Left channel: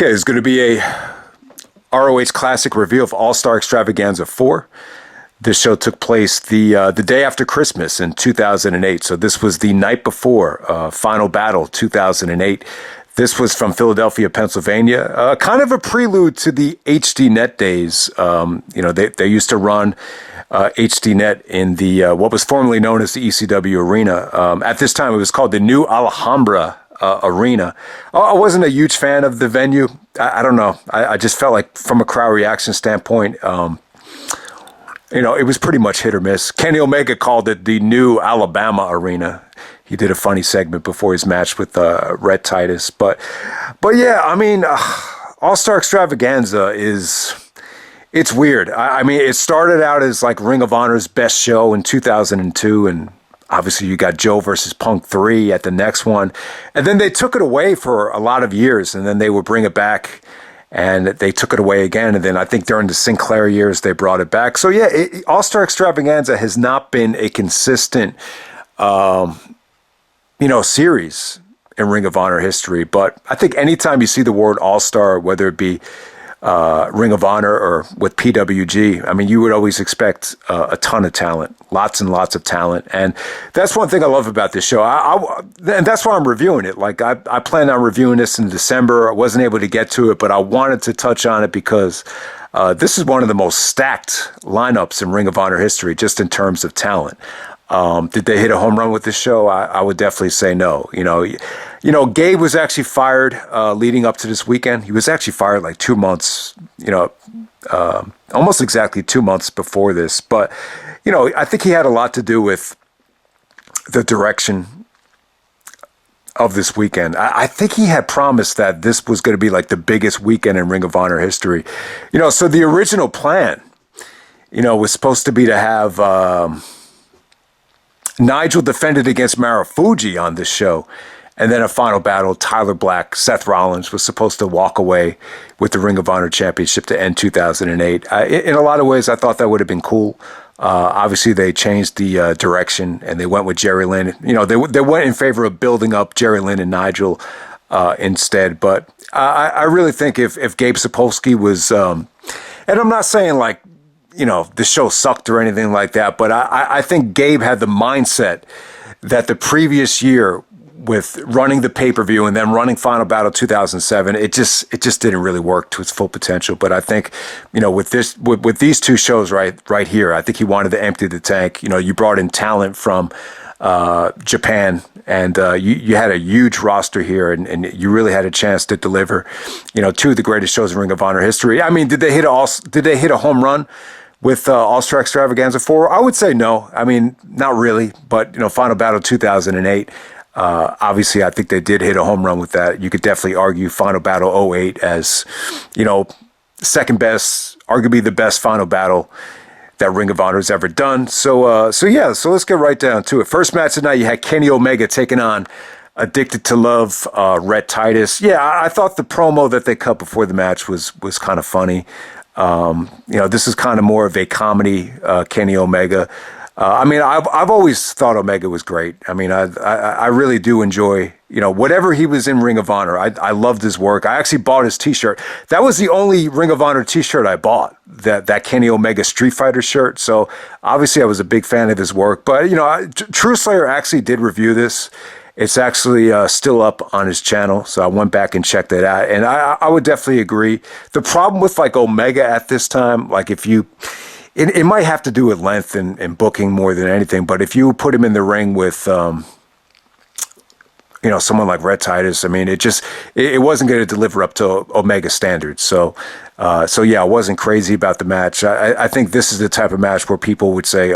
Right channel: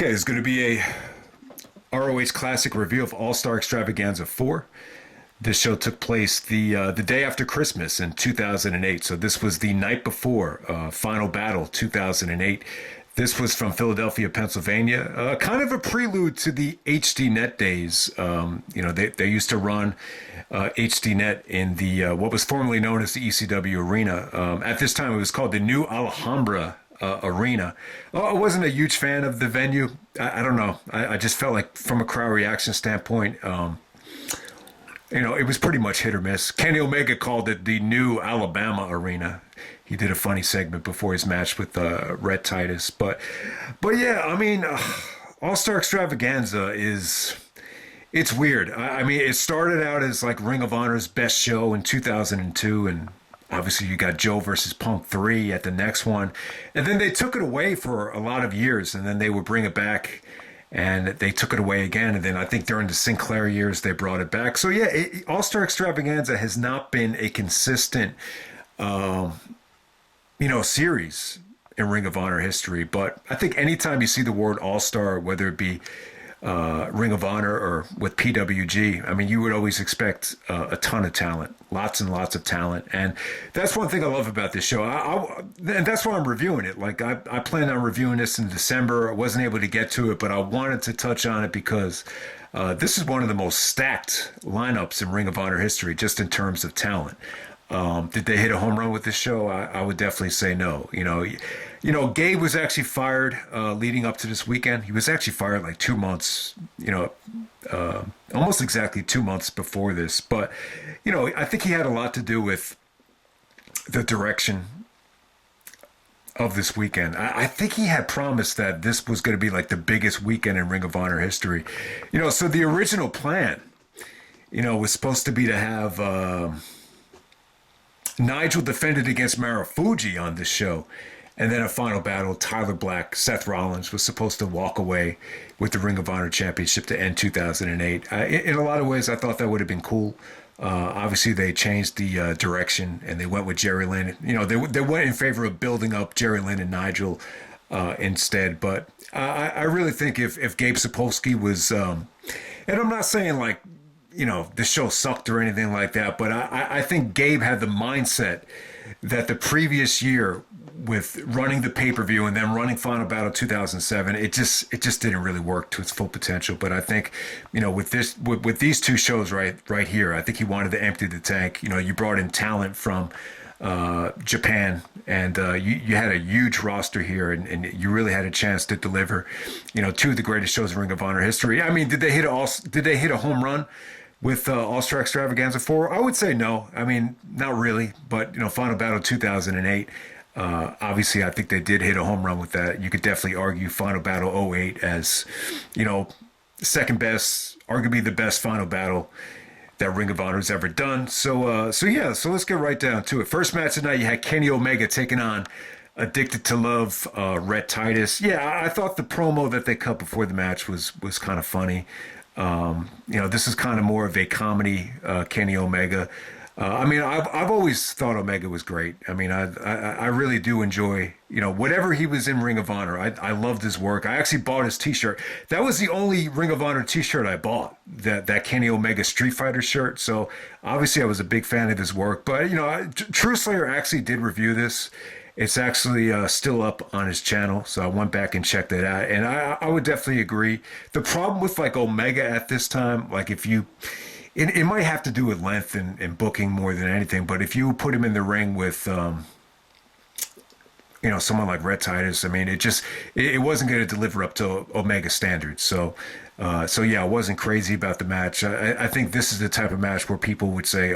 Okay, it's going to be a ROH Classic review of All-Star Extravaganza 4. This show took place the day after Christmas in 2008. So this was the night before Final Battle 2008. This was from Philadelphia, Pennsylvania. Kind of a prelude to the HDNet days. They used to run HDNet in the what was formerly known as the ECW Arena. At this time, it was called the New Alhambra Arena. I wasn't a huge fan of the venue. I don't know. I just felt like from a crowd reaction standpoint, it was pretty much hit or miss. Kenny Omega called it the New Alabama Arena. He did a funny segment before his match with Rhett Titus. But yeah, I mean, All-Star Extravaganza it's weird. I mean, it started out as like Ring of Honor's best show in 2002, and obviously you got Joe versus Punk 3 at the next one. And then they took it away for a lot of years, and then they would bring it back, and they took it away again. And then I think during the Sinclair years, they brought it back. So yeah, All-Star Extravaganza has not been a consistent, series in Ring of Honor history. But I think anytime you see the word All-Star, whether it be Ring of Honor or with PWG, I mean, you would always expect a ton of talent, lots and lots of talent. And that's one thing I love about this show. And that's why I'm reviewing it. Like I planned on reviewing this in December. I wasn't able to get to it, but I wanted to touch on it because this is one of the most stacked lineups in Ring of Honor history, just in terms of talent. Did they hit a home run with this show? I would definitely say no. Gabe was actually fired leading up to this weekend. He was actually fired like 2 months, almost exactly 2 months before this. But, I think he had a lot to do with the direction of this weekend. I think he had promised that this was going to be like the biggest weekend in Ring of Honor history. So the original plan, was supposed to be to have Nigel defended against Marufuji on this show. And then a final battle, Tyler Black, Seth Rollins was supposed to walk away with the Ring of Honor Championship to end 2008. In a lot of ways, I thought that would have been cool. Obviously, they changed the direction, and they went with Jerry Lynn. They went in favor of building up Jerry Lynn and Nigel instead. But I really think if Gabe Sapolsky was, and I'm not saying like, the show sucked or anything like that, but I think Gabe had the mindset that the previous year, with running the pay-per-view and then running Final Battle 2007, it just didn't really work to its full potential. But I think, with these two shows right here, I think he wanted to empty the tank. You brought in talent from Japan, and you had a huge roster here, and you really had a chance to deliver, two of the greatest shows in Ring of Honor history. I mean, did they hit a home run with All-Star Extravaganza 4? I would say no. I mean, not really. But Final Battle 2008. Obviously, I think they did hit a home run with that. You could definitely argue Final Battle 08 as, second best, arguably the best Final Battle that Ring of Honor has ever done. So let's get right down to it. First match tonight, you had Kenny Omega taking on Addicted to Love, Rhett Titus. Yeah, I thought the promo that they cut before the match was kind of funny. This is kind of more of a comedy, Kenny Omega. I've always thought Omega was great. I mean, I really do enjoy, whatever he was in Ring of Honor. I loved his work. I actually bought his T-shirt. That was the only Ring of Honor T-shirt I bought, that Kenny Omega Street Fighter shirt. So obviously I was a big fan of his work. But, True Slayer actually did review this. It's actually still up on his channel. So I went back and checked it out. And I would definitely agree. The problem with like Omega at this time, like if you... It might have to do with length and booking more than anything, but if you put him in the ring with, someone like Rhett Titus, I mean, it wasn't going to deliver up to Omega standards. So yeah, I wasn't crazy about the match. I think this is the type of match where people would say,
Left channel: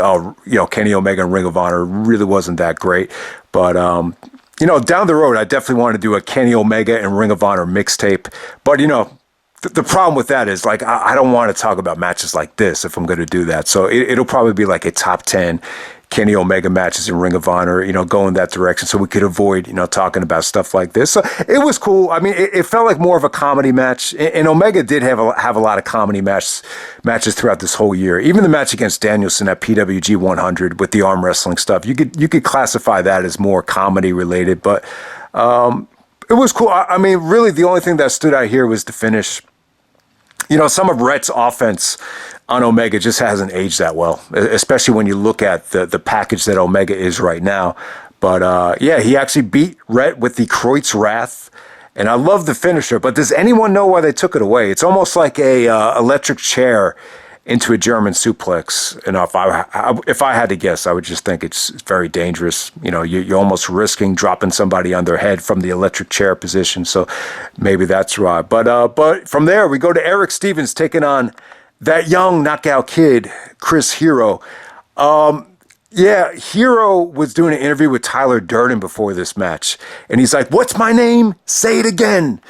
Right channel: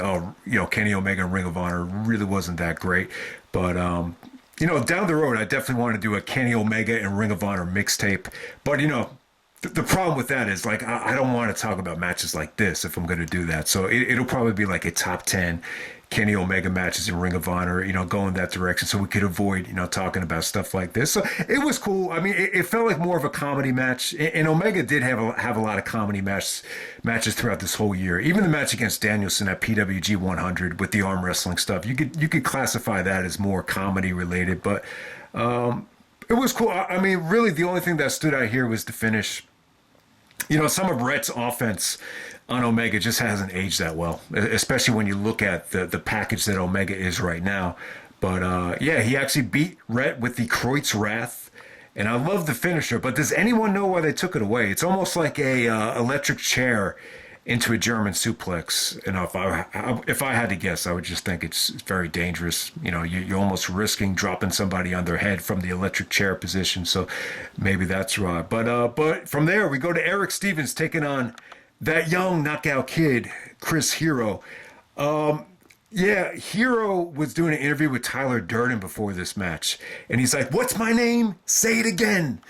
Kenny Omega and Ring of Honor really wasn't that great. But, down the road, I definitely want to do a Kenny Omega and Ring of Honor mixtape. But, the problem with that is, like, I don't want to talk about matches like this if I'm going to do that. So it'll probably be like a top 10 Kenny Omega matches in Ring of Honor, go in that direction so we could avoid, talking about stuff like this. So it was cool. I mean, it felt like more of a comedy match. And Omega did have a lot of comedy matches throughout this whole year. Even the match against Danielson at PWG 100 with the arm wrestling stuff, you could classify that as more comedy related. But It was cool. I mean, really, the only thing that stood out here was the finish. You know, some of Rhett's offense on Omega just hasn't aged that well, especially when you look at the package that Omega is right now. But yeah, he actually beat Rhett with the Kreutz Wrath, and I love the finisher. But does anyone know why they took it away? It's almost like a electric chair into a German suplex. And if I had to guess, I would just think it's very dangerous. You know, you're almost risking dropping somebody on their head from the electric chair position. So maybe that's right. But from there, we go to Erick Stevens taking on that young knockout kid, Chris Hero. Yeah, Hero was doing an interview with Tyler Durden before this match. And he's like, "What's my name? Say it again."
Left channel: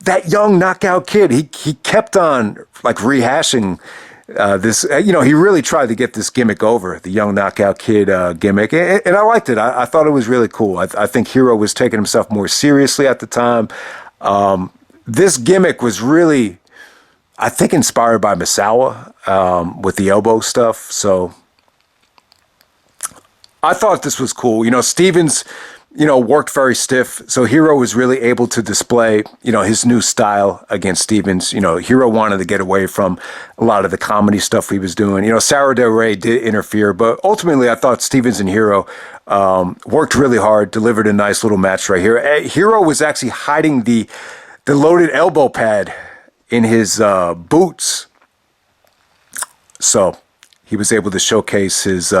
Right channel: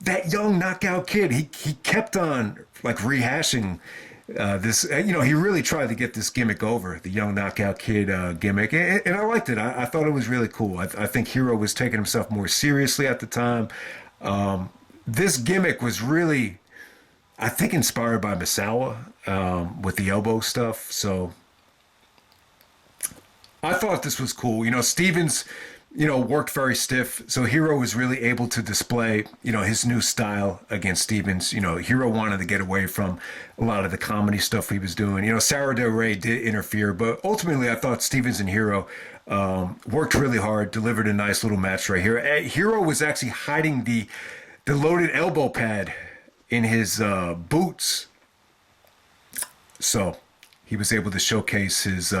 That young knockout kid, he kept on like rehashing this. You know, he really tried to get this gimmick over, the young knockout kid gimmick. And I liked it. I thought it was really cool. I think Hero was taking himself more seriously at the time. This gimmick was really, I think, inspired by Misawa with the elbow stuff. So I thought this was cool. You know, Stevens, you know, worked very stiff. So Hero was really able to display, you know, his new style against Stevens. You know, Hero wanted to get away from a lot of the comedy stuff he was doing. You know, Sarah Del Rey did interfere, but ultimately I thought Stevens and Hero worked really hard, delivered a nice little match right here. Hero was actually hiding the loaded elbow pad in his boots. So he was able to showcase his,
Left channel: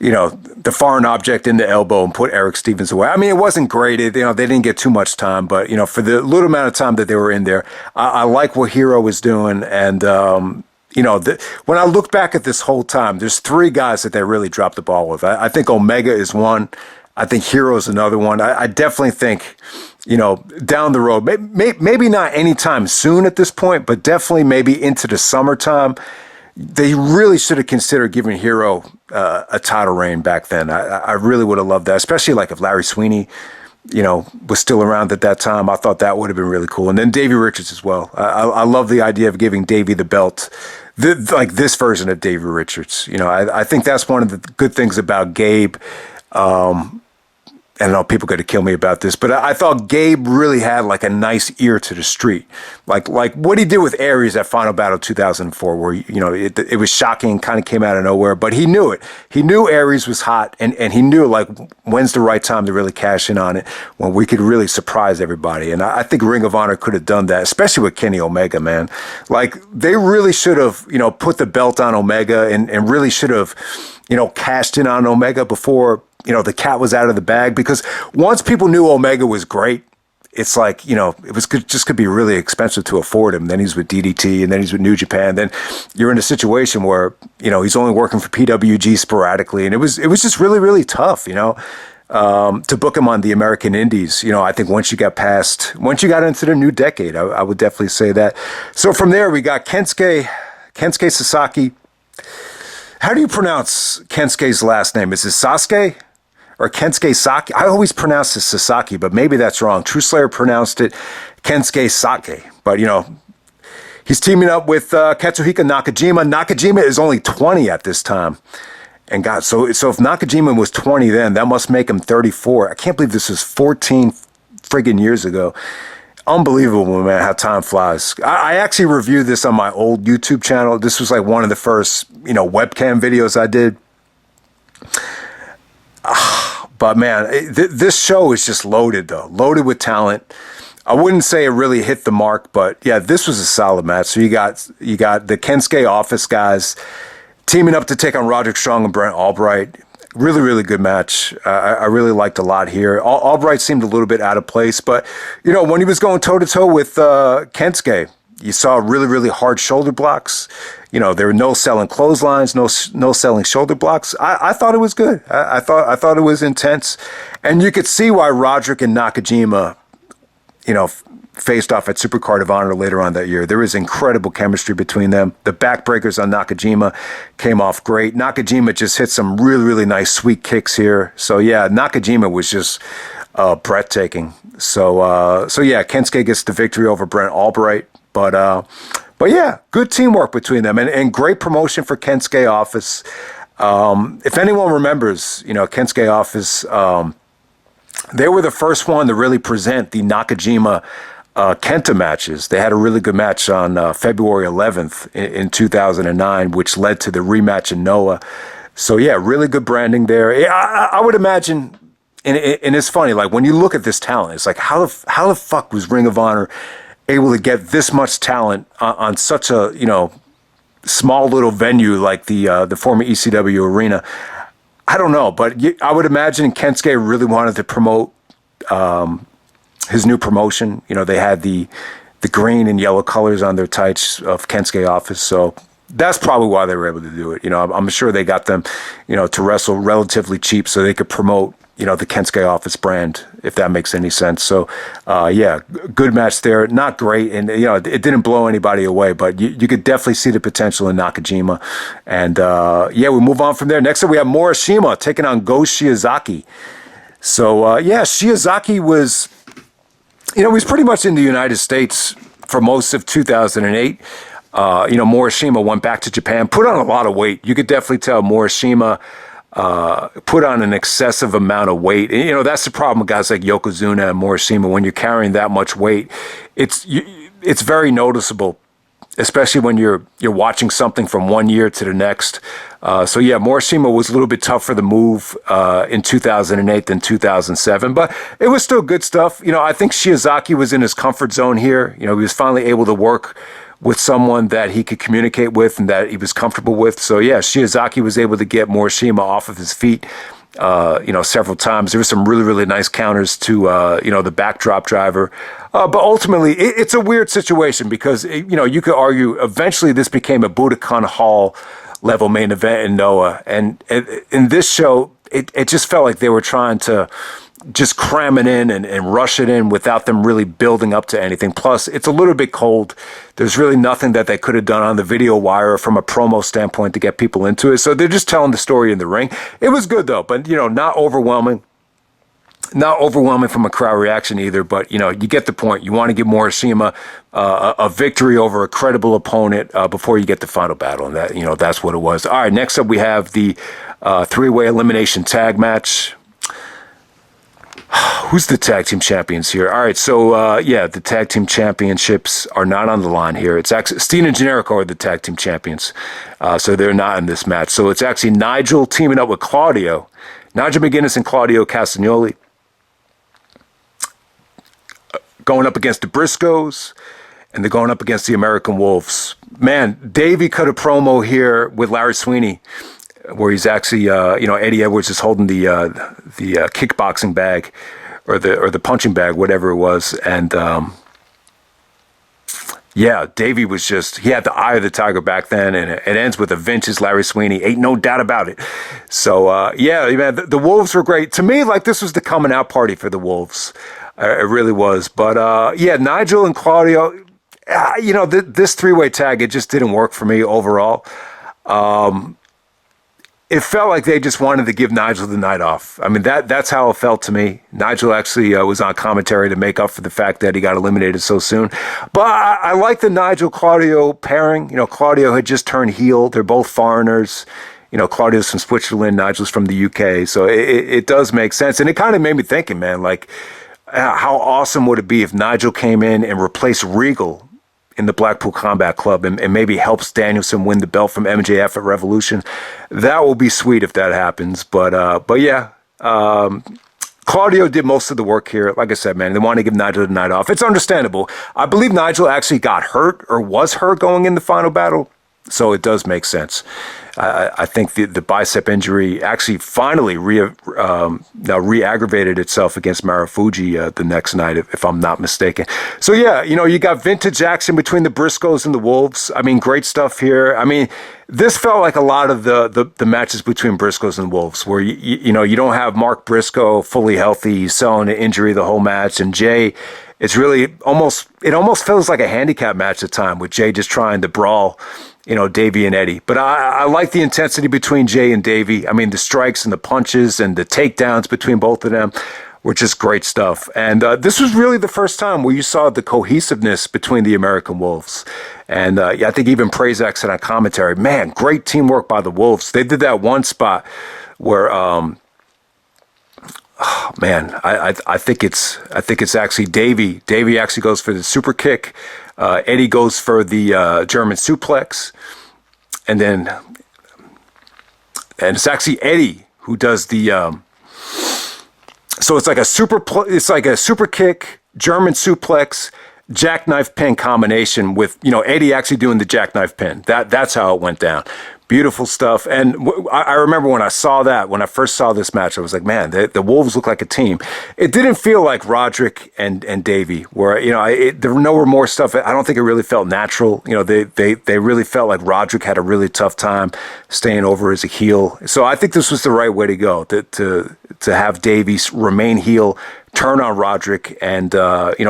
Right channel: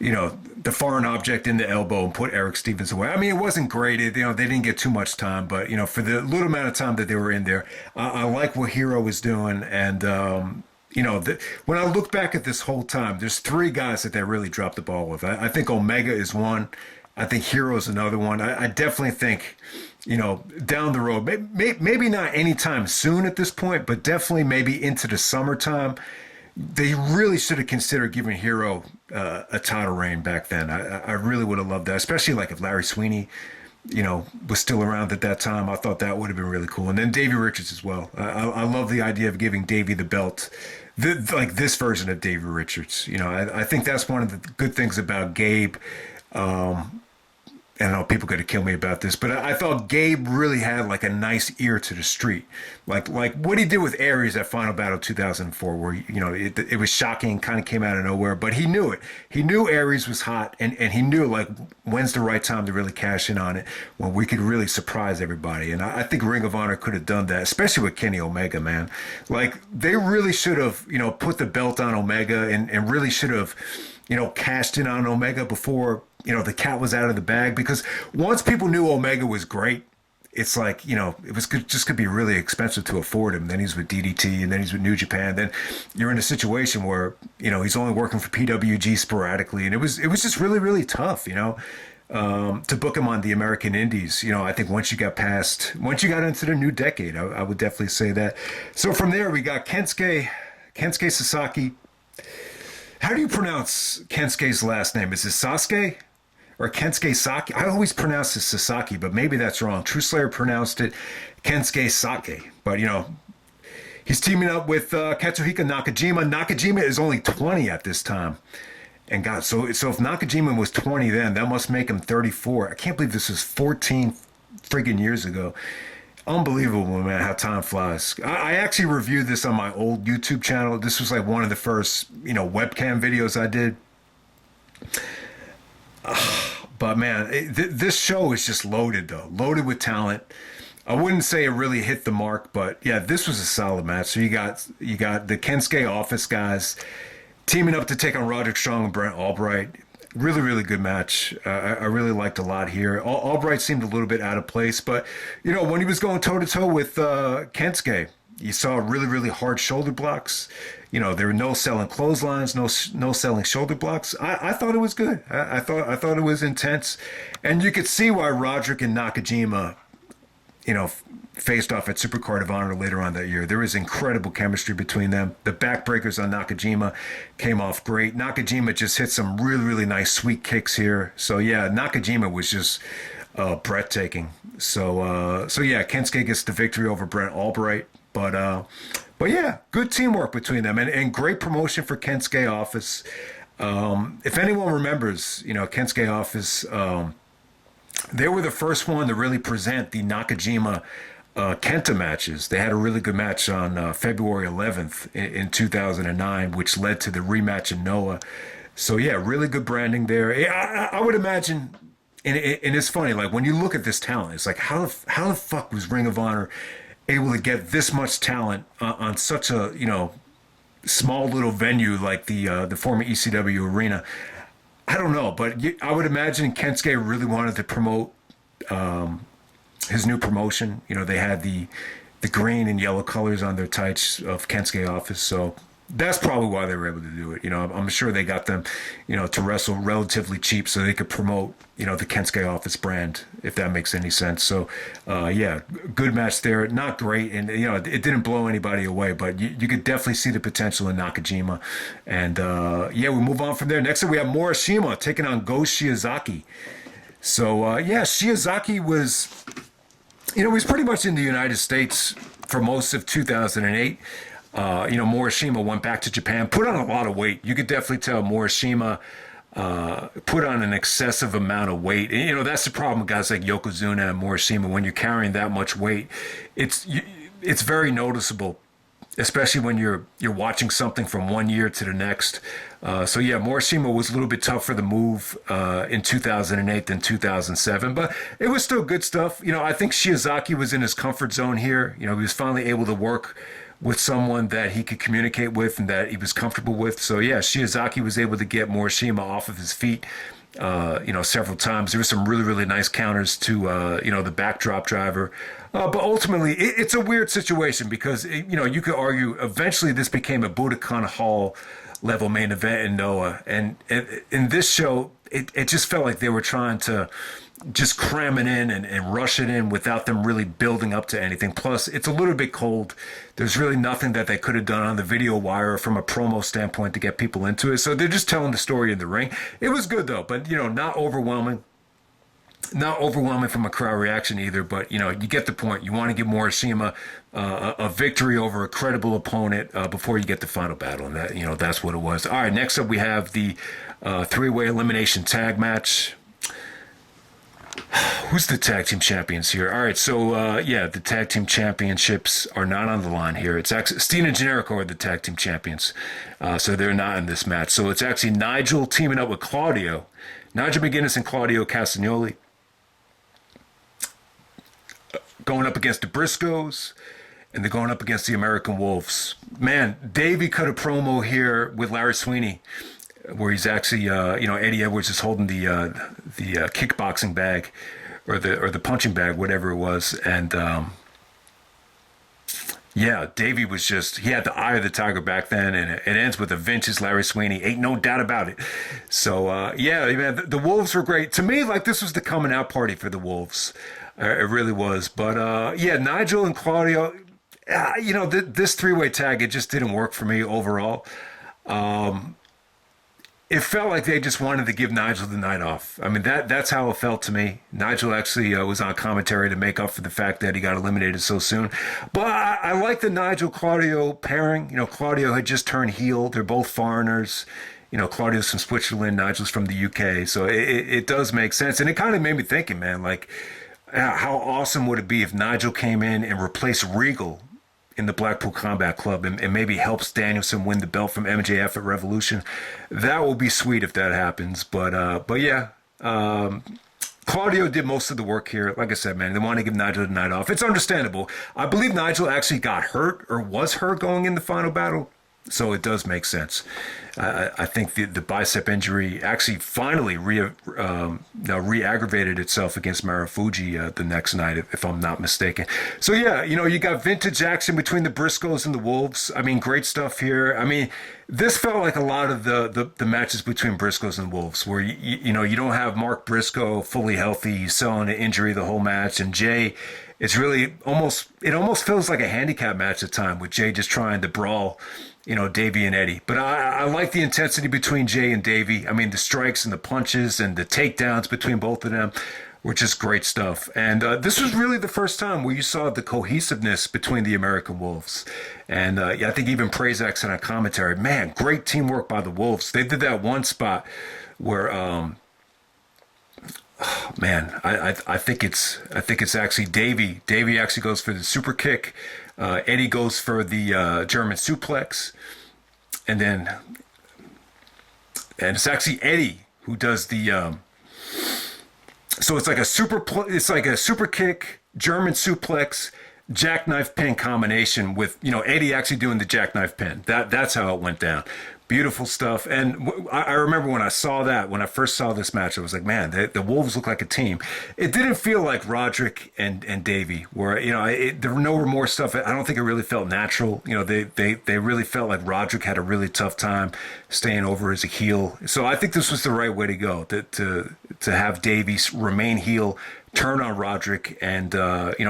you know, the foreign object in the elbow and put Erick Stevens away. I mean, it wasn't great. You know, they didn't get too much time, but, you know, for the little amount of time that they were in there, I like what Hero was doing. And, you know, when I look back at this whole time, there's three guys that they really dropped the ball with. I think Omega is one. I think Hero is another one. I definitely think, you know, down the road, maybe not anytime soon at this point, but definitely maybe into the summertime, they really should have considered giving Hero a title reign back then. I really would have loved that, especially like if Larry Sweeney, you know, was still around at that time. I thought that would have been really cool. And then Davey Richards as well. I love the idea of giving Davey the belt, like this version of Davey Richards. You know, I think that's one of the good things about Gabe. I know people are going to kill me about this, but I thought Gabe really had like a nice ear to the street. Like what he did with Aries at Final Battle 2004, where, you know, it was shocking, kind of came out of nowhere, but he knew it. He knew Aries was hot, and he knew, like, when's the right time to really cash in on it, when we could really surprise everybody. And I think Ring of Honor could have done that, especially with Kenny Omega, man. Like, they really should have, you know, put the belt on Omega and really should have, you know, cashed in on Omega before, you know, the cat was out of the bag, because once people knew Omega was great, it's like, you know, it was just could be really expensive to afford him. Then he's with DDT, and then he's with New Japan. Then you're in a situation where, you know, he's only working for PWG sporadically, and it was just really, really tough, you know, to book him on the American Indies. You know, I think once you got into the new decade, I would definitely say that. So from there, we got Kensuke Sasaki. How do you pronounce Kensuke's last name? Is it Sasuke? Or Kensuke Saki? I always pronounce it Sasaki, but maybe that's wrong. True Slayer pronounced it Kensuke Sake. But, you know, he's teaming up with Katsuhiko Nakajima. Nakajima is only 20 at this time. And God, so if Nakajima was 20 then, that must make him 34. I can't believe this was 14 friggin' years ago. Unbelievable, man, how time flies. I actually reviewed this on my old YouTube channel. This was like one of the first, you know, webcam videos I did. But man, this show is just loaded, though. Loaded with talent. I wouldn't say it really hit the mark, but yeah, this was a solid match. So you got the Kensuke office guys teaming up to take on Roderick Strong and Brent Albright. Really, really good match. I really liked a lot here. Albright seemed a little bit out of place, but, you know, when he was going toe-to-toe with Kensuke, you saw really, really hard shoulder blocks. You know, there were no selling clotheslines, no selling shoulder blocks. I thought it was good. I thought it was intense. And you could see why Roderick and Nakajima, you know, faced off at Supercard of Honor later on that year. There was incredible chemistry between them. The backbreakers on Nakajima came off great. Nakajima just hit some really, really nice sweet kicks here. So yeah, Nakajima was just breathtaking. So yeah, Kensuke gets the victory over Brent Albright. But yeah, good teamwork between them, and great promotion for Kensuke office. If anyone remembers, you know, Kensuke office, they were the first one to really present the Nakajima Kenta matches. They had a really good match on February 11th in 2009, which led to the rematch in Noah. So yeah, really good branding there. I would imagine, and it's funny, like when you look at this talent, it's like how the fuck was Ring of Honor able to get this much talent on such a small little venue like the former ECW arena? I don't know, but I would imagine Kensuke really wanted to promote his new promotion. They had the green and yellow colors on their tights of Kensuke office, so that's probably why they were able to do it. I'm sure they got them, to wrestle relatively cheap so they could promote, the Kensuke office brand, if that makes any sense. So, yeah, good match there. Not great, and it didn't blow anybody away, but you could definitely see the potential in Nakajima. And yeah, we move on from there. Next up, we have Morishima taking on Go Shiozaki. So yeah, Shiozaki was, he was pretty much in the United States for most of 2008. Morishima went back to Japan, put on a lot of weight. You could definitely tell Morishima put on an excessive amount of weight. And, that's the problem with guys like Yokozuna and Morishima. When you're carrying that much weight, it's very noticeable, especially when you're watching something from one year to the next. So yeah, Morishima was a little bit tougher to move in 2008 than 2007, but it was still good stuff. I think Shiozaki was in his comfort zone here. He was finally able to work with someone that he could communicate with and that he was comfortable with. So yeah, Shiozaki was able to get Morishima off of his feet, several times. There were some really, really nice counters to, the backdrop driver. But ultimately, it's a weird situation because, you could argue eventually this became a Budokan Hall level main event in Noah. And in this show, it just felt like they were trying to just cram it in and rush it in without them really building up to anything. Plus, it's a little bit cold. There's really nothing that they could have done on the video wire from a promo standpoint to get people into it. So they're just telling the story in the ring. It was good, though, but, not overwhelming. Not overwhelming from a crowd reaction either, but, you get the point. You want to give Morishima a victory over a credible opponent before you get the final battle, and that, that's what it was. All right, next up we have the three-way elimination tag match. Who's the tag team champions here? All right, so yeah, the tag team championships are not on the line here. It's actually Steen and Generico are the tag team champions, so they're not in this match. So it's actually Nigel teaming up with Claudio, Nigel McGuinness and Claudio Castagnoli, going up against the Briscoes, and they're going up against the American Wolves. Man, Davey cut a promo here with Larry Sweeney, where he's actually, Eddie Edwards is holding the kickboxing bag, or the punching bag, whatever it was, and yeah, Davey was he had the eye of the tiger back then, and it ends with a vintage Larry Sweeney, ain't no doubt about it. So yeah, man, the Wolves were great to me. Like this was the coming out party for the Wolves, it really was. But yeah, Nigel and Claudio, this three-way tag, it just didn't work for me overall. It felt like they just wanted to give Nigel the night off. I mean, that's how it felt to me. Nigel actually was on commentary to make up for the fact that he got eliminated so soon. But I like the Nigel-Claudio pairing. Claudio had just turned heel. They're both foreigners. Claudio's from Switzerland, Nigel's from the UK. So it does make sense. And it kind of made me thinking, man, like, how awesome would it be if Nigel came in and replaced Regal in the Blackpool Combat Club and maybe helps Danielson win the belt from MJF at Revolution? That will be sweet if that happens. But yeah, Claudio did most of the work here. Like I said, man, they want to give Nigel the night off. It's understandable. I believe Nigel actually got hurt or was hurt going in the final battle, so it does make sense. I think the bicep injury actually finally re-aggravated itself against Marufuji the next night, if I'm not mistaken. So yeah, you got vintage action between the Briscoes and the Wolves. I mean, great stuff here. I mean, this felt like a lot of the matches between Briscoes and Wolves, where you don't have Mark Briscoe fully healthy, he's selling an injury the whole match, and Jay. It's really almost feels like a handicap match at time with Jay just trying to brawl, Davey and Eddie. But I like the intensity between Jay and Davey. I mean, the strikes and the punches and the takedowns between both of them were just great stuff. And this was really the first time where you saw the cohesiveness between the American Wolves. And I think even Prazak said on commentary, man, great teamwork by the Wolves. They did that one spot where Man, I think it's actually Davey. Davey actually goes for the super kick. Eddie goes for the German suplex, and it's actually Eddie who does the. So it's like a super kick, German suplex, jackknife pin combination with Eddie actually doing the jackknife pin. That's how it went down. Beautiful stuff. And I remember when I first saw this match, I was like, man, the Wolves look like a team. It didn't feel like Roderick and Davey, where, there were no more stuff. I don't think it really felt natural. They really felt like Roderick had a really tough time staying over as a heel. So I think this was the right way to go, to have Davey remain heel, turn on Roderick, and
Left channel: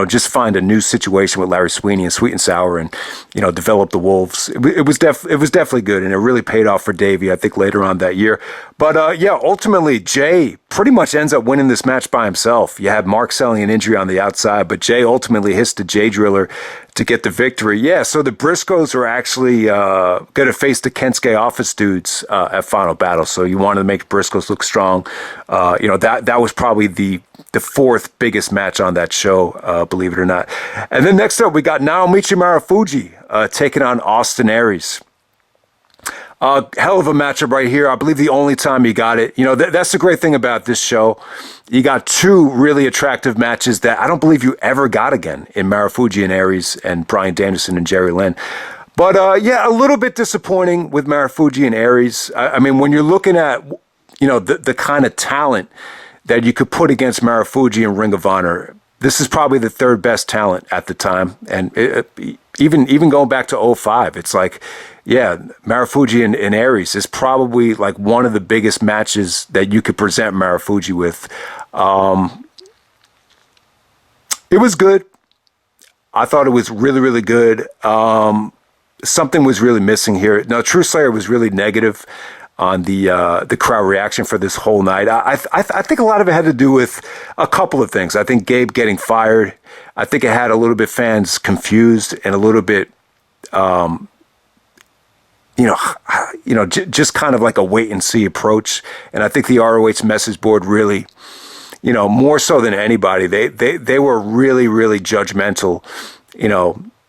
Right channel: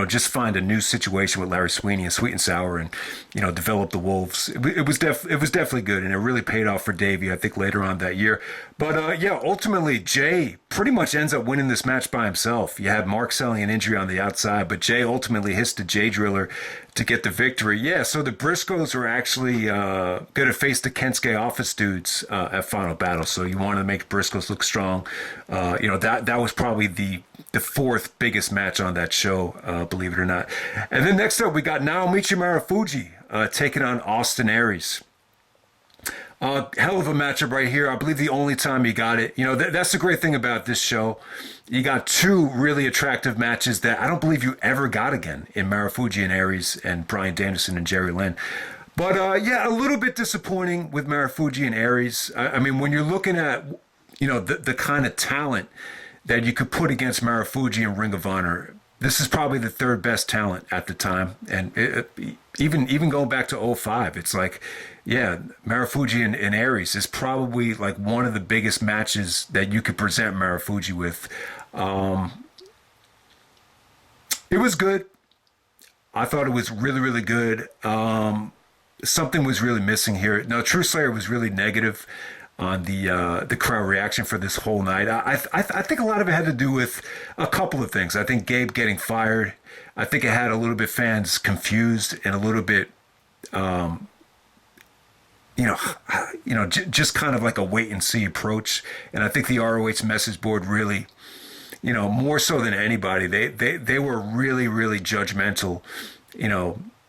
just find a new situation with Larry Sweeney and Sweet and Sour, and develop the Wolves. It was definitely good, and it really paid off for Davey, I think, later on that year. But ultimately Jay pretty much ends up winning this match by himself. You had Mark selling an injury on the outside, but Jay ultimately hits the Jay Driller to get the victory. Yeah, so the Briscoes are actually going to face the Kensuke office dudes at Final Battle. So you wanted to make Briscoes look strong. That was probably the fourth biggest match on that show, believe it or not. And then next up, we got Naomichi Marufuji taking on Austin Aries. Hell of a matchup right here. I believe the only time you got it. That's the great thing about this show. You got two really attractive matches that I don't believe you ever got again in Marufuji and Aries and Bryan Danielson and Jerry Lynn. But a little bit disappointing with Marufuji and Aries. I mean, when you're looking at, the kind of talent that you could put against Marufuji and Ring of Honor, this is probably the third best talent at the time. And even going back to '05, it's like, yeah, Marufuji and Aries is probably like one of the biggest matches that you could present Marufuji with. It was good. I thought it was really, really good. Something was really missing here. Now, True Slayer was really negative on the crowd reaction for this whole night. I think a lot of it had to do with a couple of things. I think Gabe getting fired. I think it had a little bit fans confused and a little bit, just kind of like a wait and see approach. And I think the ROH message board really, more so than anybody, they were really, really judgmental.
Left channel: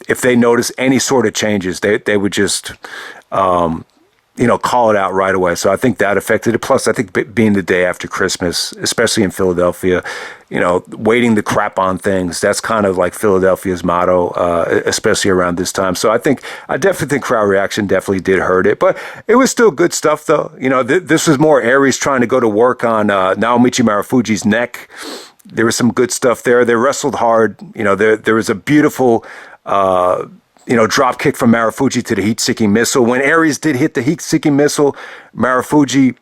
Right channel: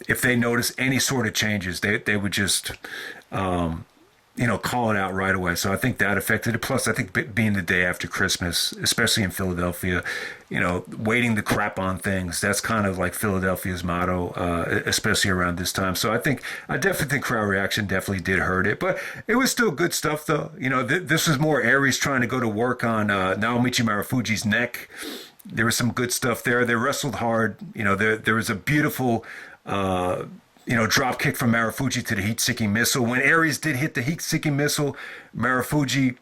If they noticed any sort of changes, they would just, call it out right away. So I think that affected it. Plus, I think being the day after Christmas, especially in Philadelphia, waiting to crap on things, that's kind of like Philadelphia's motto, especially around this time. So I definitely think crowd reaction definitely did hurt it, but it was still good stuff though. This was more Aries trying to go to work on Naomichi Marufuji's neck. There was some good stuff there. They wrestled hard. There was a beautiful, drop kick from Marufuji to the heat-seeking missile. When Aries did hit the heat-seeking missile, Marufuji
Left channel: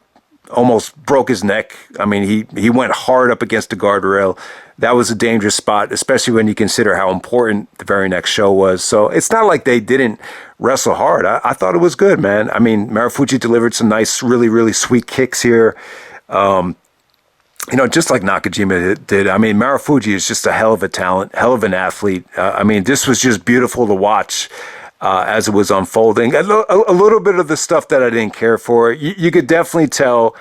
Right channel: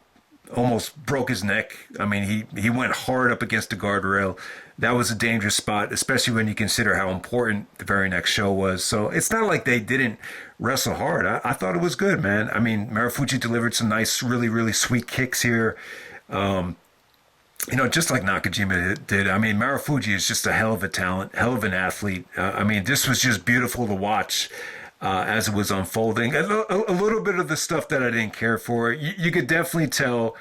almost broke his neck. I mean, he went hard up against the guardrail. That was a dangerous spot, especially when you consider how important the very next show was. So it's not like they didn't wrestle hard. I thought it was good, man. I mean, Marufuji delivered some nice, really, really sweet kicks here. Just like Nakajima did. I mean, Marufuji is just a hell of a talent, hell of an athlete. This was just beautiful to watch as it was unfolding. A little bit of the stuff that I didn't care for. You could definitely tell,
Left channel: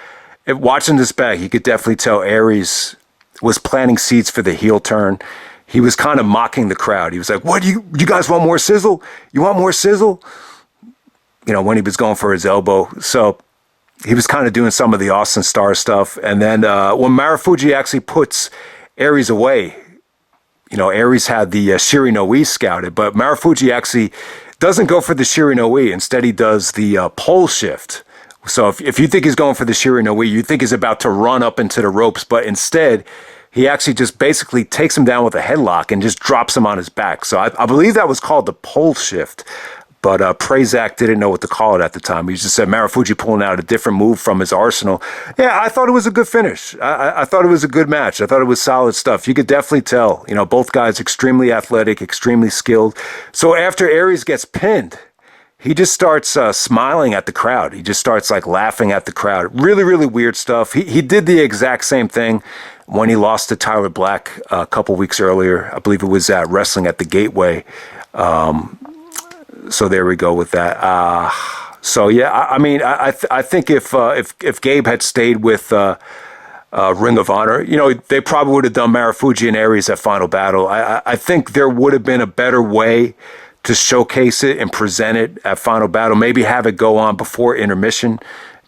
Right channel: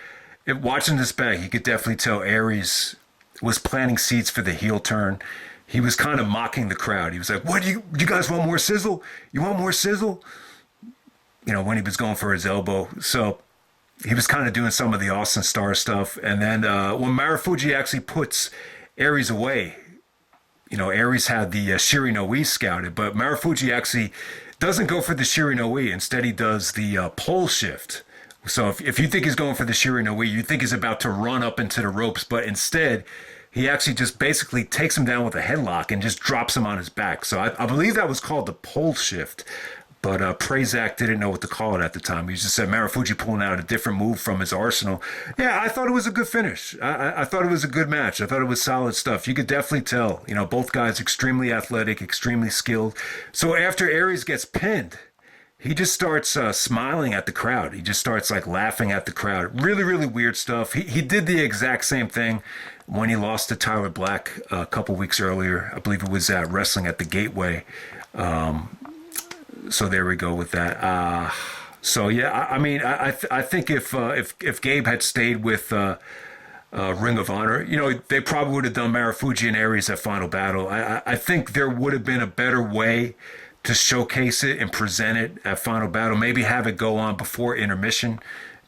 watching this back, you could definitely tell Aries was planting seeds for the heel turn. He was kind of mocking the crowd. He was like, what, you guys want more sizzle? You want more sizzle? When he was going for his elbow. So he was kind of doing some of the Austin Star stuff. And then when Marufuji actually puts Aries away, Aries had the Shiri no Ii scouted, but Marufuji actually doesn't go for the Shiri no Ii. Instead, he does the pole shift. So if you think he's going for the Shiri no Ii, you think he's about to run up into the ropes, but instead, he actually just basically takes him down with a headlock and just drops him on his back. So I believe that was called the pole shift. But Prazak didn't know what to call it at the time. He just said Marufuji pulling out a different move from his arsenal. Yeah, I thought it was a good finish. I thought it was a good match. I thought it was solid stuff. You could definitely tell, both guys extremely athletic, extremely skilled. So after Aries gets pinned, he just starts smiling at the crowd. He just starts like laughing at the crowd. Really, really weird stuff. He did the exact same thing when he lost to Tyler Black a couple weeks earlier. I believe it was at Wrestling at the Gateway. So there we go with that. I think if Gabe had stayed with Ring of Honor. You know, they probably would have done Marufuji and Aries at Final Battle. I think there would have been a better way to showcase it and present it at Final Battle. Maybe have it go on before intermission,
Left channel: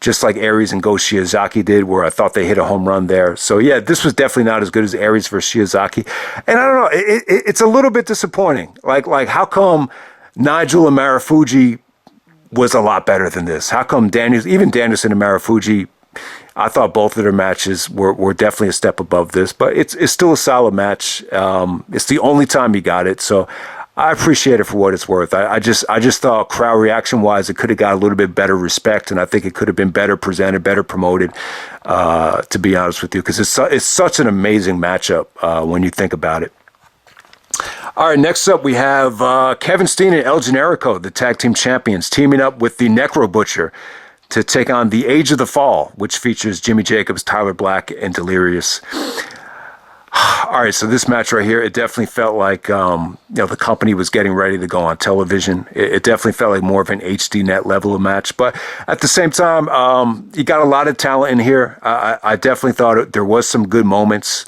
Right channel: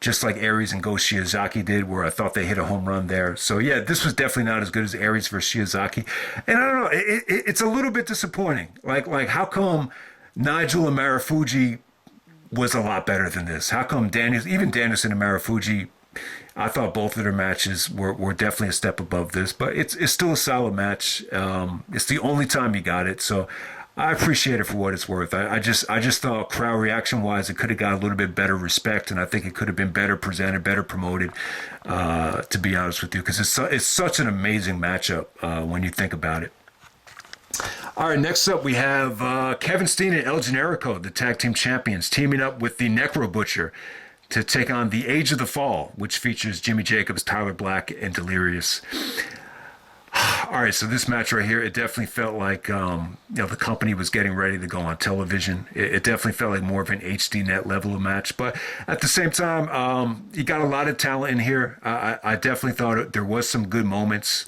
just like Aries and Go Shiozaki did, where I thought they hit a home run there. So yeah, this was definitely not as good as Aries versus Shiozaki. And I don't know, it's a little bit disappointing. Like how come Nigel and Marufuji was a lot better than this? How come even Danielson and Marufuji, I thought both of their matches were definitely a step above this, but it's still a solid match. It's the only time he got it, so I appreciate it for what it's worth. I just thought crowd reaction wise, it could have got a little bit better respect, and I think it could have been better presented, better promoted. To be honest with you, because it's such an amazing matchup when you think about it. All right, next up we have Kevin Steen and El Generico, the tag team champions, teaming up with the Necro Butcher to take on the Age of the Fall, which features Jimmy Jacobs, Tyler Black, and Delirious. All right, so this match right here, it definitely felt like the company was getting ready to go on television. It definitely felt like more of an HD net level of match, but at the same time, you got a lot of talent in here. I definitely thought there was some good moments.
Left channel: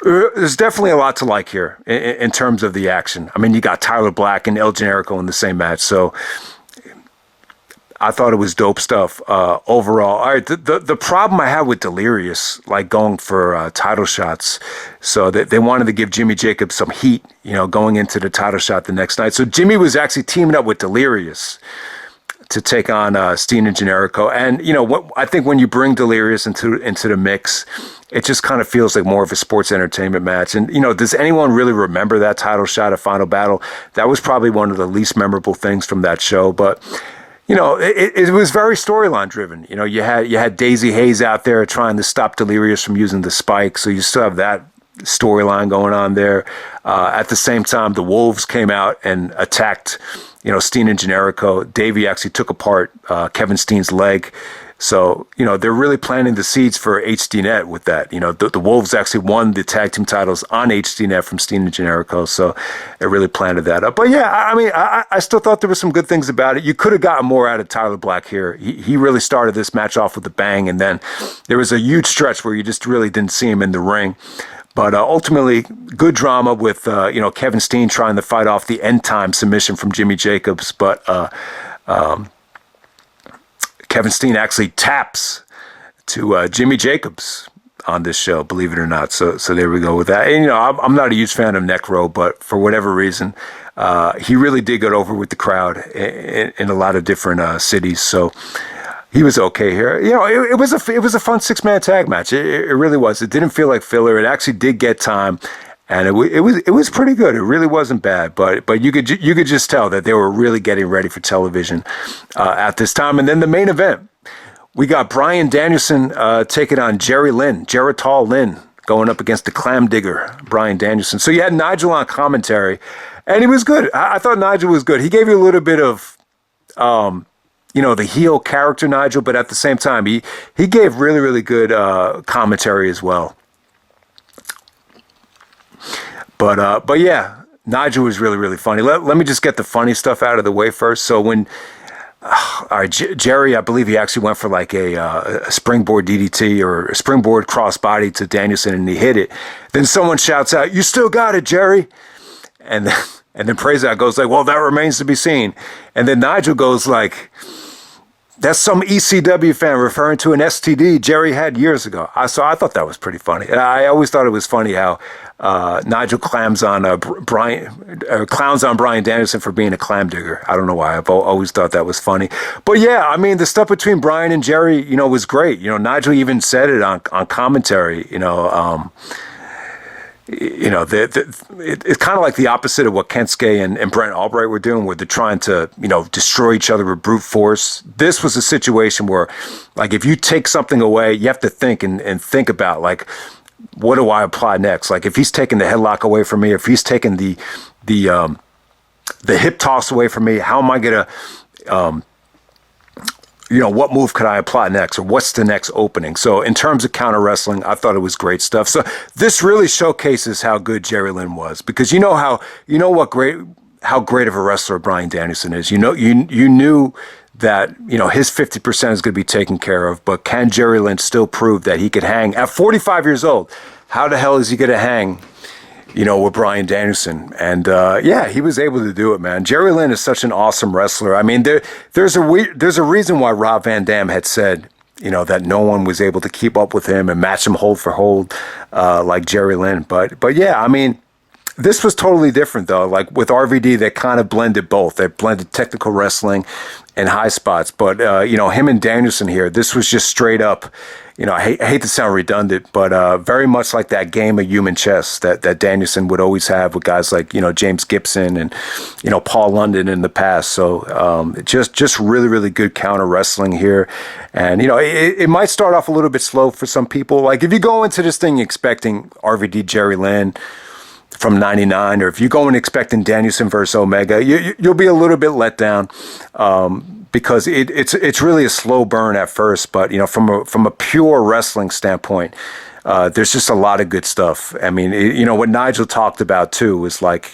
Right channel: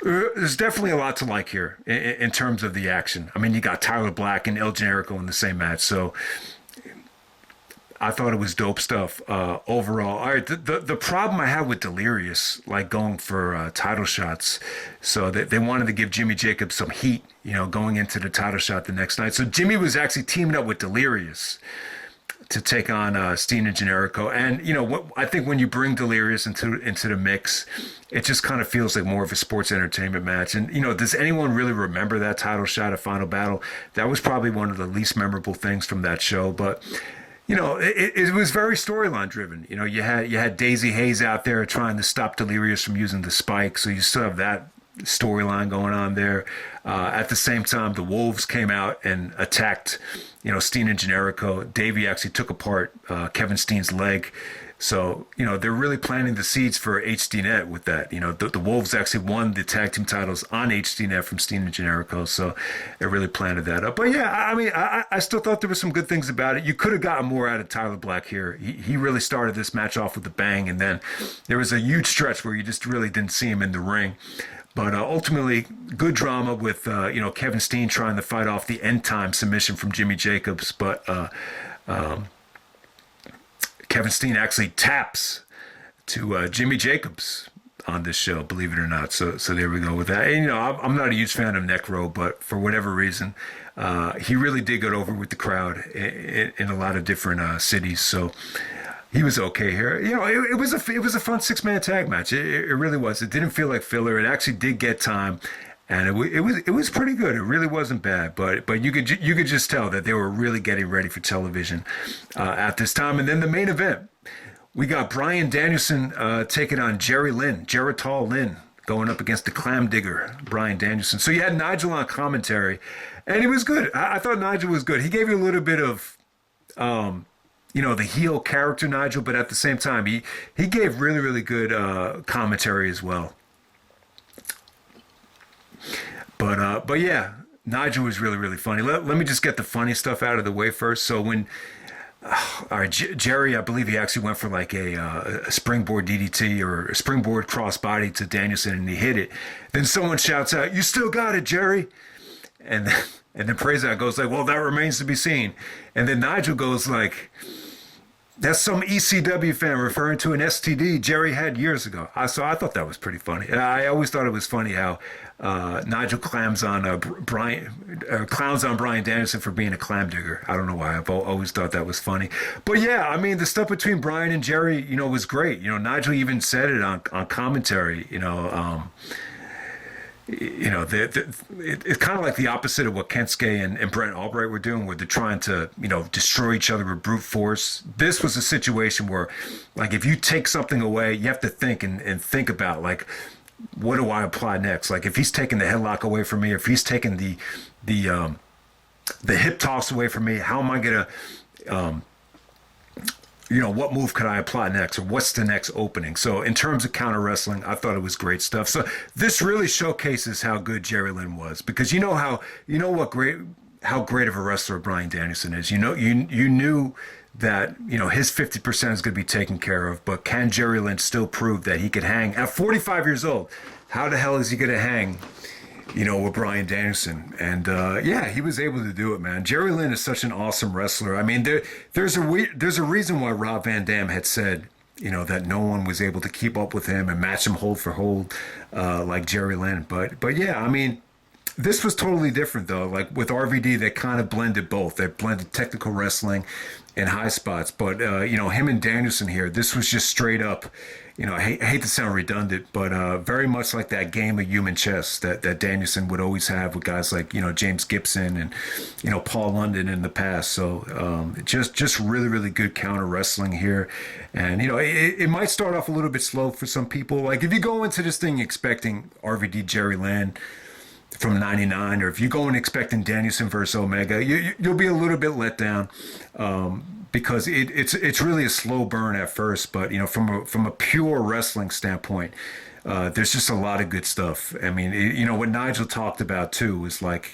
There's definitely a lot to like here in terms of the action. I mean, you got Tyler Black and El Generico in the same match, so I thought it was dope stuff overall. All right, the problem I had with Delirious, like going for title shots, so that they wanted to give Jimmy Jacobs some heat, going into the title shot the next night. So Jimmy was actually teaming up with Delirious to take on Steen and Generico. And, I think when you bring Delirious into the mix, it just kind of feels like more of a sports entertainment match. And, does anyone really remember that title shot at Final Battle? That was probably one of the least memorable things from that show. But it was very storyline driven. You had Daisy Hayes out there trying to stop Delirious from using the spike, so you still have that storyline going on there. At the same time, the Wolves came out and attacked, Steen and Generico. Davey actually took apart Kevin Steen's leg. So, they're really planting the seeds for HDNet with that. The Wolves actually won the tag team titles on HDNet from Steen and Generico. So it really planted that up. But yeah, I mean, I still thought there were some good things about it. You could have gotten more out of Tyler Black here. He really started this match off with a bang. And then there was a huge stretch where you just really didn't see him in the ring. But ultimately, good drama with, Kevin Steen trying to fight off the end time submission from Jimmy Jacobs. But Kevin Steen actually taps to Jimmy Jacobs on this show, believe it or not. So there we go with that. And, I'm not a huge fan of Necro, but for whatever reason, he really did get over with the crowd in a lot of different cities. So he was okay here. It was a fun 6-man tag match. It really was. It didn't feel like filler. It actually did get time. And it was pretty good. It really wasn't bad, but you could just tell that they were really getting ready for television at this time. And then the main event, we got Bryan Danielson taking on Geritol Lynn, going up against the clam digger Bryan Danielson. So you had Nigel on commentary, and he was good. I thought Nigel was good. He gave you a little bit of, the heel character Nigel, but at the same time, he gave really, really good commentary as well. But yeah, Nigel was really, really funny. Let me just get the funny stuff out of the way first. So when, all right, Jerry, I believe he actually went for like a springboard DDT or a springboard crossbody to Danielson, and he hit it. Then someone shouts out, "You still got it, Jerry!" And then Prazak goes like, "Well, that remains to be seen." And then Nigel goes like, "That's some ECW fan referring to an STD Jerry had years ago." I thought that was pretty funny. And I always thought it was funny how Nigel clowns on Bryan Danielson for being a clam digger. I don't know why. I've always thought that was funny. But yeah, I mean, the stuff between Bryan and Jerry, was great. Nigel even said it on commentary. It's kind of like the opposite of what Kensuke and Brent Albright were doing, where they're trying to, destroy each other with brute force. This was a situation where, like, if you take something away, you have to think and think about, like, what do I apply next? Like, if he's taking the headlock away from me, if he's taking the hip toss away from me, how am I gonna, what move could I apply next, or what's the next opening? So in terms of counter wrestling, I thought it was great stuff. So this really showcases how good Jerry Lynn was, because how great of a wrestler Bryan Danielson is. You knew that, his 50% is going to be taken care of. But can Jerry Lynn still prove that he could hang at 45 years old? How the hell is he going to hang, with Bryan Danielson? And he was able to do it, man. Jerry Lynn is such an awesome wrestler. I mean, there's a reason why Rob Van Dam had said, that no one was able to keep up with him and match him hold for hold like Jerry Lynn. But yeah, I mean, this was totally different though. Like with RVD, they kind of blended both. They blended technical wrestling and high spots. But him and Danielson here, this was just straight up. I hate to sound redundant, but very much like that game of human chess that Danielson would always have with guys like, James Gibson and, Paul London in the past. So just really, really good counter wrestling here. And, it might start off a little bit slow for some people. Like if you go into this thing expecting RVD Jerry Lynn from 99, or if you go in expecting Danielson versus Omega, you'll be a little bit let down. Because it's really a slow burn at first, but from a pure wrestling standpoint, there's just a lot of good stuff. I mean, what Nigel talked about too was like,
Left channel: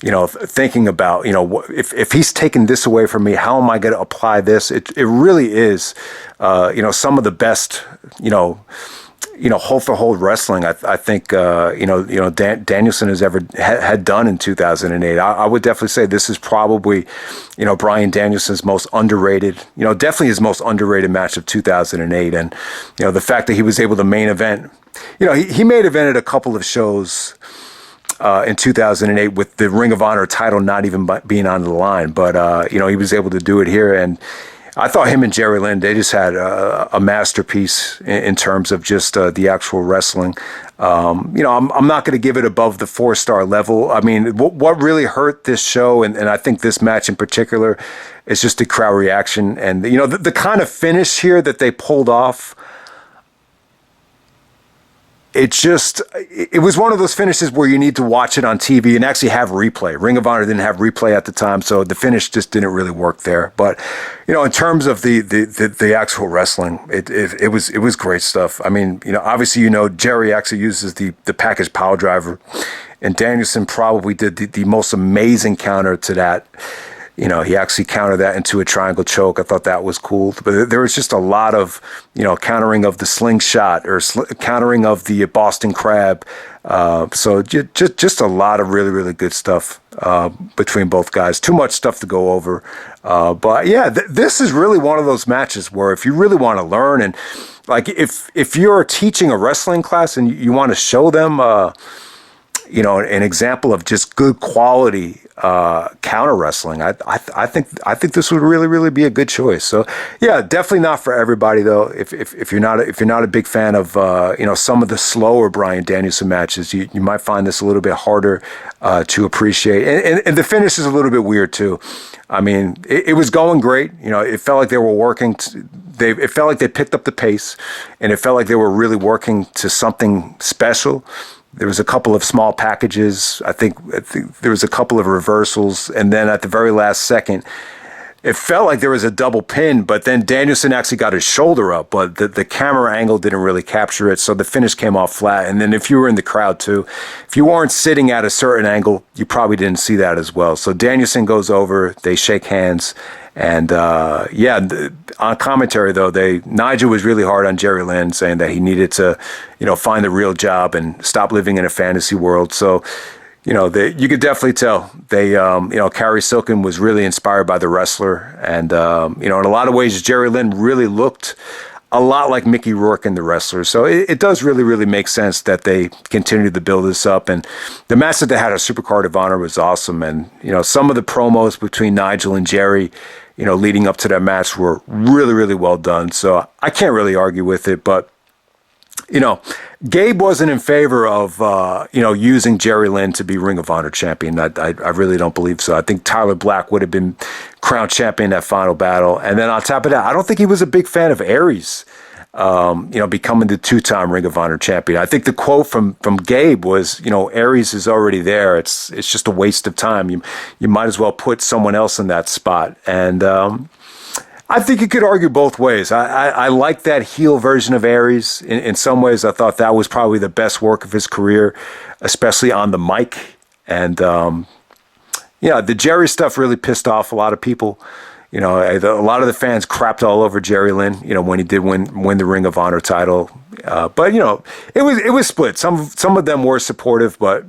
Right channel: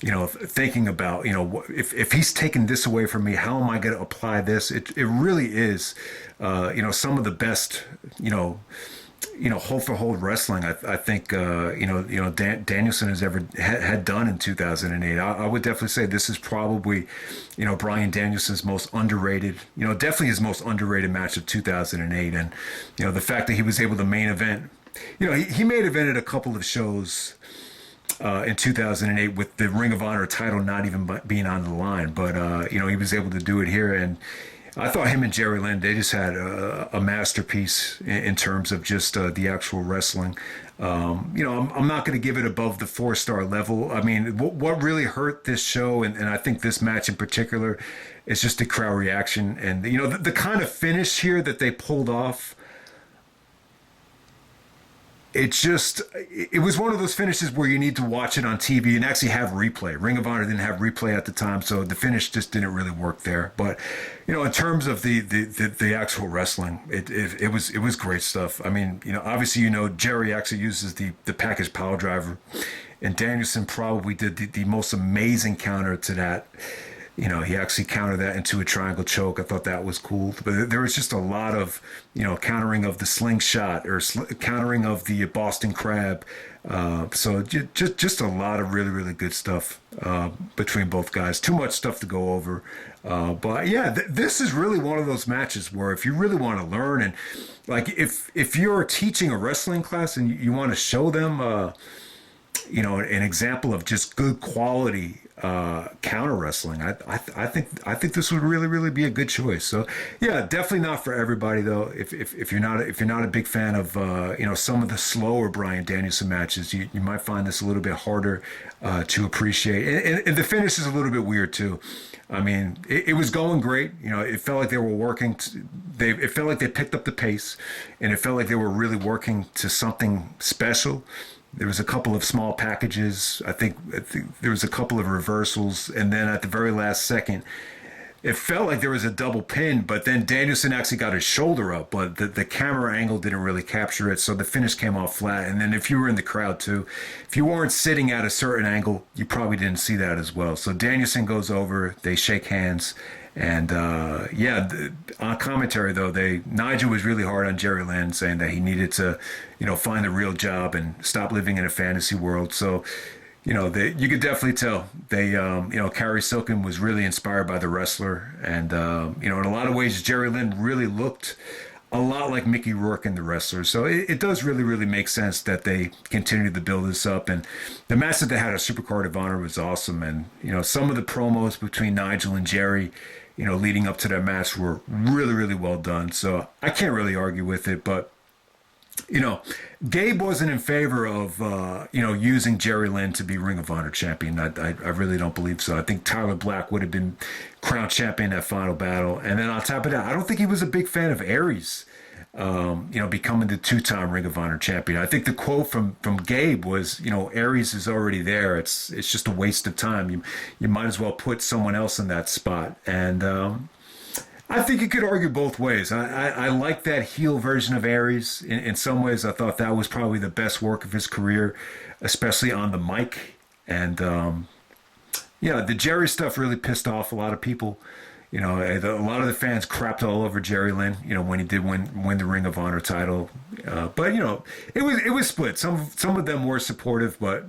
thinking about if he's taking this away from me, how am I going to apply this? It really is, some of the best, hold for hold wrestling I think Danielson has ever had done in 2008. I would definitely say this is probably Bryan Danielson's most underrated, definitely his most underrated match of 2008. And the fact that he was able to main event, he main evented a couple of shows in 2008 with the Ring of Honor title not even being on the line, but he was able to do it here. And I thought him and Jerry Lynn, they just had a masterpiece in terms of just the actual wrestling. I'm not going to give it above the 4-star level. I mean, what really hurt this show, and I think this match in particular, is just the crowd reaction. And, the kind of finish here that they pulled off, it was one of those finishes where you need to watch it on TV and actually have replay. Ring of Honor didn't have replay at the time, so the finish just didn't really work there. But in terms of the actual wrestling, it was great stuff. I mean, obviously Jerry actually uses the package power driver, and Danielson probably did the most amazing counter to that. He actually countered that into a triangle choke. I thought that was cool. But there was just a lot of, countering of the slingshot or countering of the Boston Crab. So just a lot of really, really good stuff between both guys. Too much stuff to go over. But yeah, this is really one of those matches where if you really want to learn, and like if you're teaching a wrestling class and you want to show them, an example of just good quality counter wrestling, I think this would really, really be a good choice. So yeah, definitely not for everybody though. If you're not a big fan of some of the slower Bryan Danielson matches, you might find this a little bit harder to appreciate. And the finish is a little bit weird too. I mean, it was going great. It felt like they were working. It felt like they picked up the pace, and it felt like they were really working to something special. There was a couple of small packages. I think there was a couple of reversals. And then at the very last second, it felt like there was a double pin, but then Danielson actually got his shoulder up, but the camera angle didn't really capture it. So the finish came off flat. And then if you were in the crowd too, if you weren't sitting at a certain angle, you probably didn't see that as well. So Danielson goes over, they shake hands. And on commentary though, Nigel was really hard on Jerry Lynn, saying that he needed to, find a real job and stop living in a fantasy world. So, you could definitely tell Carrie Silken was really inspired by the wrestler, and in a lot of ways, Jerry Lynn really looked a lot like Mickey Rourke in the wrestler. So it does really, really make sense that they continued to build this up. And the match that they had at Supercard of Honor was awesome. And some of the promos between Nigel and Jerry, leading up to that match were really, really well done. So I can't really argue with it. But, Gabe wasn't in favor of, using Jerry Lynn to be Ring of Honor champion. I really don't believe so. I think Tyler Black would have been crowned champion in that final battle. And then on top of that, I don't think he was a big fan of Aries, becoming the 2-time Ring of Honor champion. I think the quote from Gabe was, Aries is already there. It's just a waste of time. You might as well put someone else in that spot. And I think you could argue both ways. I like that heel version of Aries. In some ways, I thought that was probably the best work of his career, especially on the mic. And the Jerry stuff really pissed off a lot of people. You know, a lot of the fans crapped all over Jerry Lynn, you know, when he did win the Ring of Honor title. But, you know, it was split. Some of them were supportive, but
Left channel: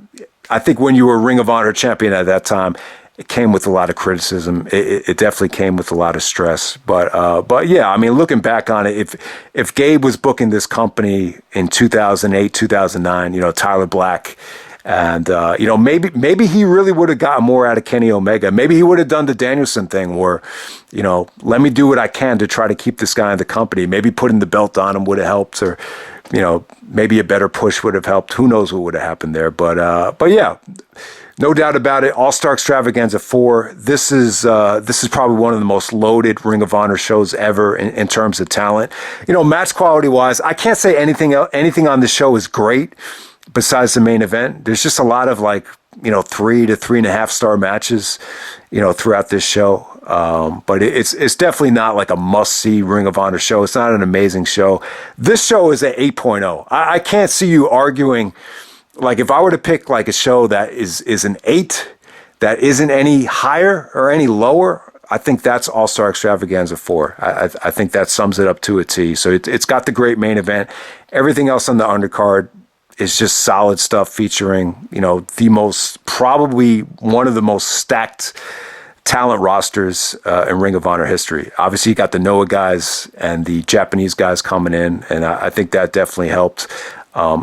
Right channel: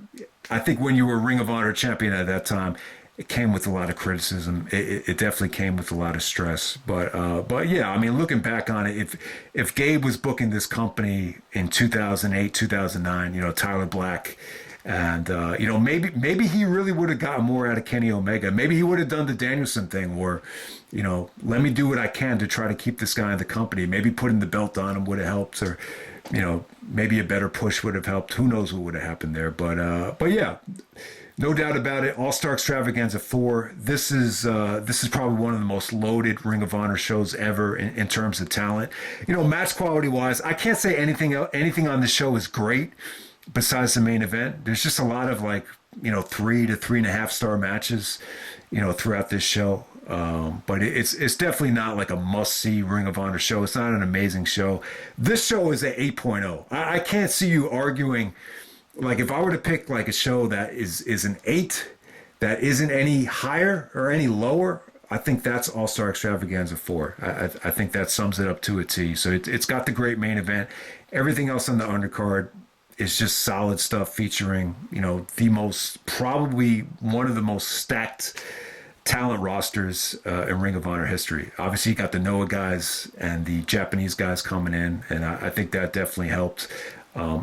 I think when you were Ring of Honor champion at that time, it came with a lot of criticism. It definitely came with a lot of stress. But yeah, I mean, looking back on it, if Gabe was booking this company in 2008, 2009, you know, Tyler Black, and, you know, maybe he really would have gotten more out of Kenny Omega. Maybe he would have done the Danielson thing where, you know, let me do what I can to try to keep this guy in the company. Maybe putting the belt on him would have helped, or, you know, maybe a better push would have helped. Who knows what would have happened there. But yeah, no doubt about it. All-Star Extravaganza 4. This is probably one of the most loaded Ring of Honor shows ever in terms of talent. You know, match quality-wise, I can't say anything on this show is great. Besides the main event, there's just a lot of, like, you know, 3 to 3.5 star matches, you know, throughout this show. But it's definitely not like a must-see Ring of Honor show. It's not an amazing show. This show is an 8.0. I can't see you arguing, like, if I were to pick like a show that is an 8 that isn't any higher or any lower, I think that's All-Star Extravaganza 4. I think that sums it up to a T. So it's got the great main event. Everything else on the undercard is just solid stuff featuring, you know, probably one of the most stacked talent rosters in Ring of Honor history. Obviously, you got the Noah guys and the Japanese guys coming in, and I think that definitely helped.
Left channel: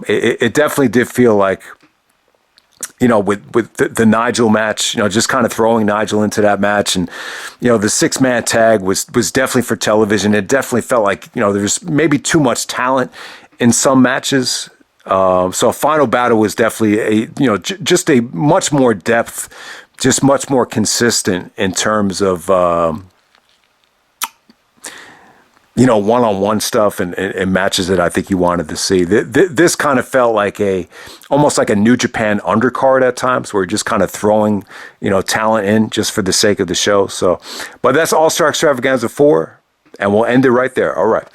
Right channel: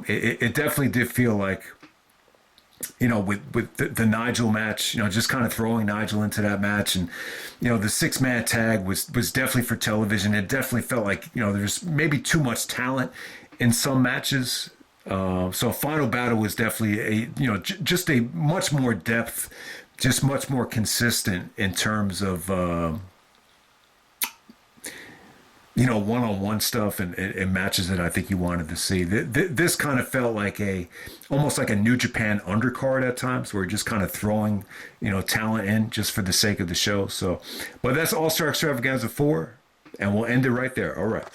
It definitely did feel like, you know, with the Nigel match, you know, just kind of throwing Nigel into that match, and, you know, the 6-man tag was definitely for television. It definitely felt like, you know, there was maybe too much talent in some matches. So Final Battle was definitely just a much more depth, just much more consistent in terms of, you know, one-on-one stuff and matches that I think you wanted to see. This kind of felt like almost like a New Japan undercard at times, where you're just kind of throwing, you know, talent in just for the sake of the show. So, but that's All-Star Extravaganza 4, and we'll end it right there. All right.